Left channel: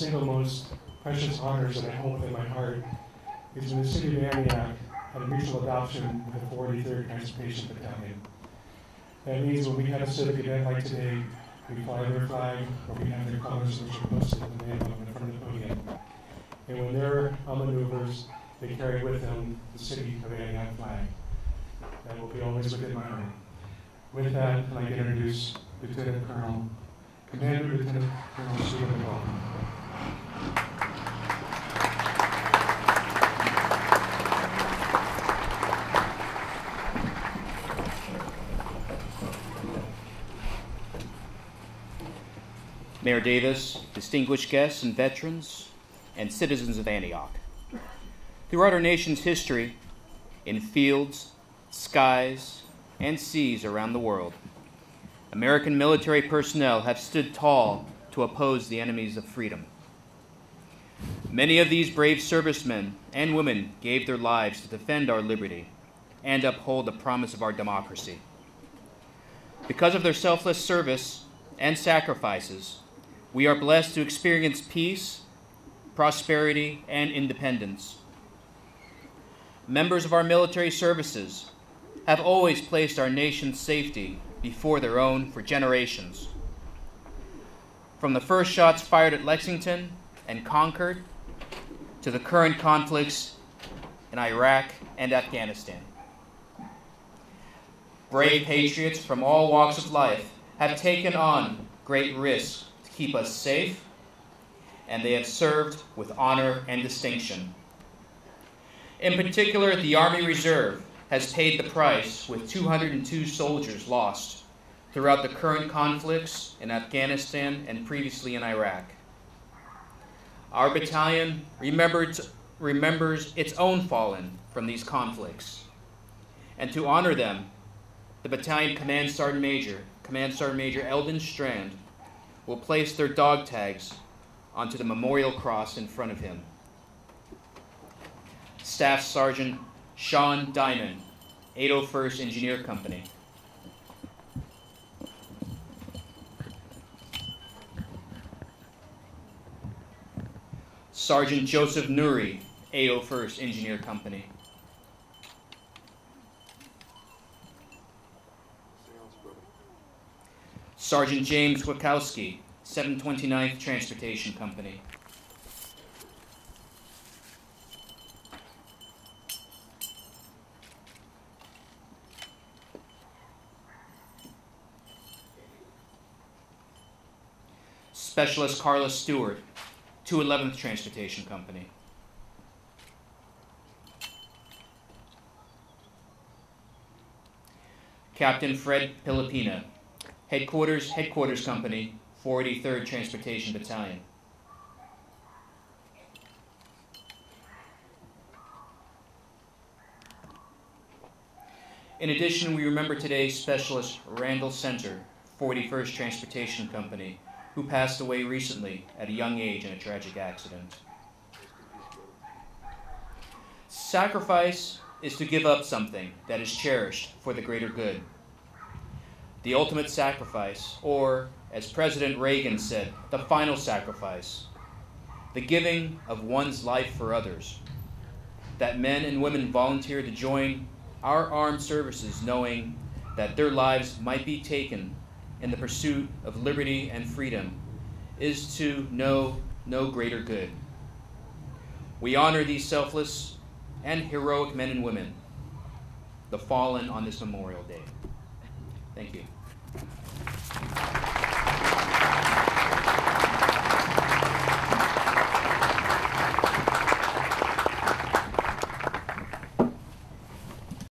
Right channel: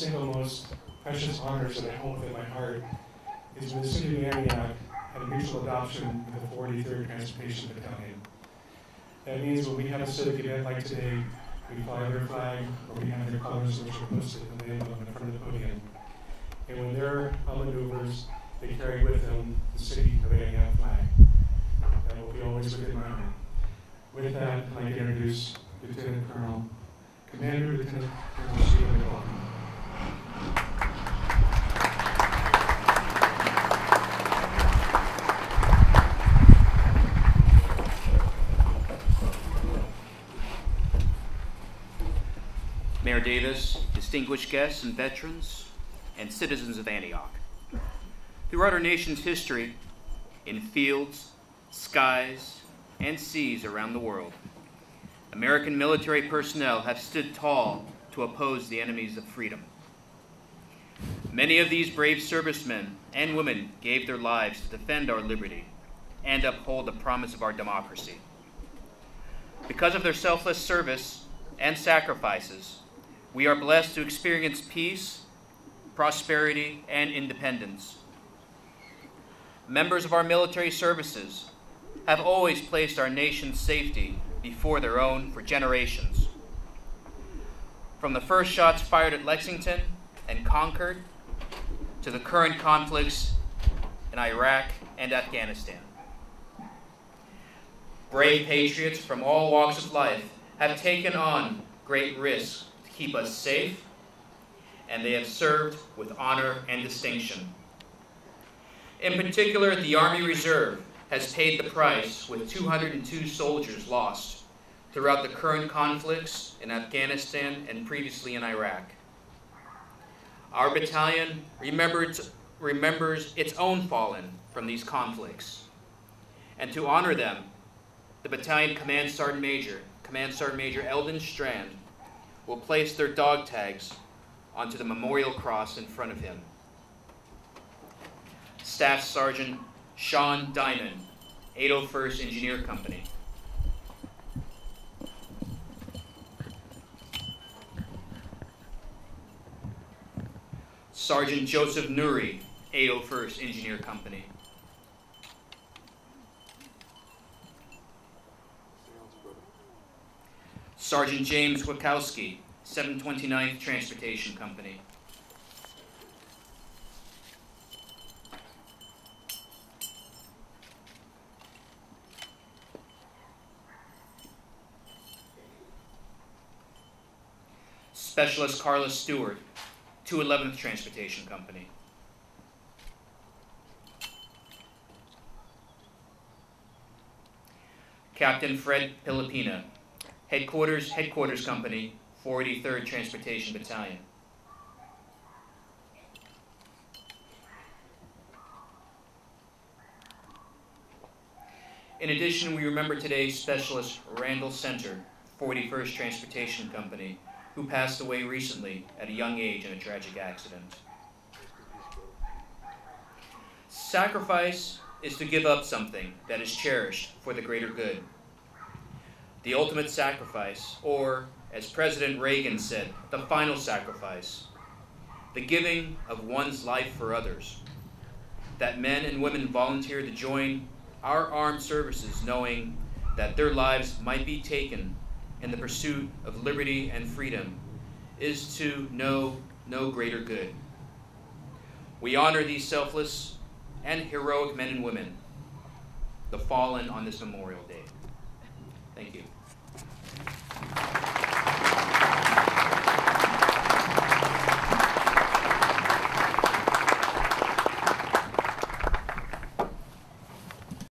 single most precious honors that I hold within my heart is when the city of Antioch had a mutual adoption with the 43rd Transportation Battalion. That means when we have a civic event like today, we fly their flag, or we have their colors which are posted in the name of in front of the podium. And when they're on maneuvers, they carry with them the city of Antioch flag. That will be always within my heart. With that, I'd like to introduce Lieutenant Colonel, Commander Lieutenant Colonel Stephen McLaughlin. Mayor Davis, distinguished guests and veterans, and citizens of Antioch. Throughout our nation's history, in fields, skies, and seas around the world, American military personnel have stood tall to oppose the enemies of freedom. Many of these brave servicemen and women gave their lives to defend our liberty and uphold the promise of our democracy. Because of their selfless service and sacrifices, we are blessed to experience peace, prosperity, and independence. Members of our military services have always placed our nation's safety before their own for generations. From the first shots fired at Lexington and Concord to the current conflicts in Iraq and Afghanistan. Brave patriots from all walks of life have taken on great risks to keep us safe, and they have served with honor and distinction. In particular, the Army Reserve has paid the price with 202 soldiers lost throughout the current conflicts in Afghanistan and previously in Iraq. Our battalion remembers its own fallen from these conflicts. And to honor them, the Battalion Command Sergeant Major Eldon Strand will place their dog tags onto the memorial cross in front of him. Staff Sergeant Sean Diamond, 801st Engineer Company. Sergeant Joseph Nuri, 801st Engineer Company. Sergeant James Wachowski, 729th Transportation Company. Specialist Carla Stewart, 211th Transportation Company. Captain Fred Pilipina, Headquarters Company, 483rd Transportation Battalion. In addition, we remember today Specialist Randall Center, 41st Transportation Company, who passed away recently at a young age in a tragic accident. Sacrifice is to give up something that is cherished for the greater good. The ultimate sacrifice, or as President Reagan said, the final sacrifice, the giving of one's life for others. That men and women volunteer to join our armed services knowing that their lives might be taken in the pursuit of liberty and freedom is to know no greater good. We honor these selfless and heroic men and women, the fallen on this Memorial Day. Thank you.